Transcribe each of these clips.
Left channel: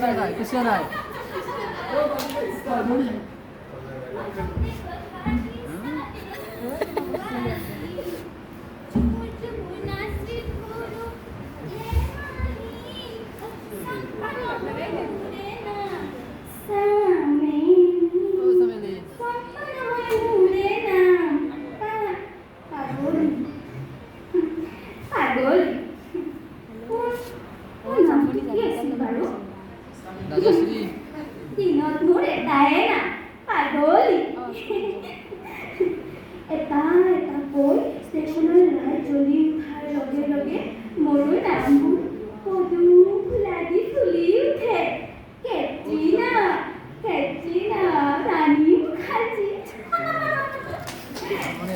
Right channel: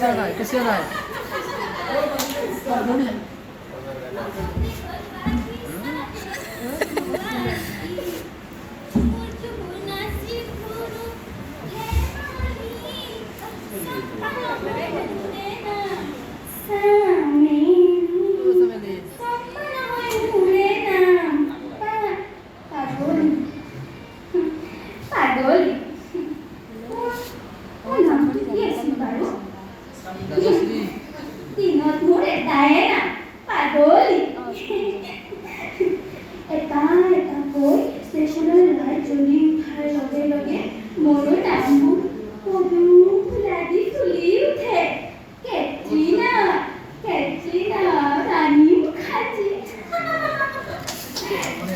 कसं नाही कसं नाही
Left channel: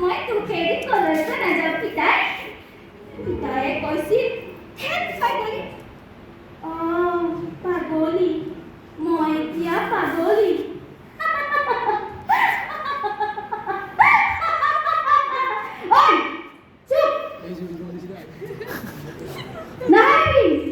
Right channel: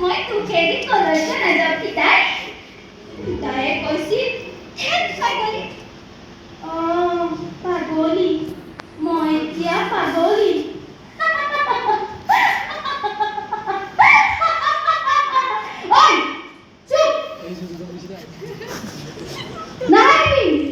মই দুখেদি কলৈকো নাযাওঁ কি তাই তায়ে কৈছিল পাগলী। অঁ পাগলী। মই এতিয়া পাগলী। ঐ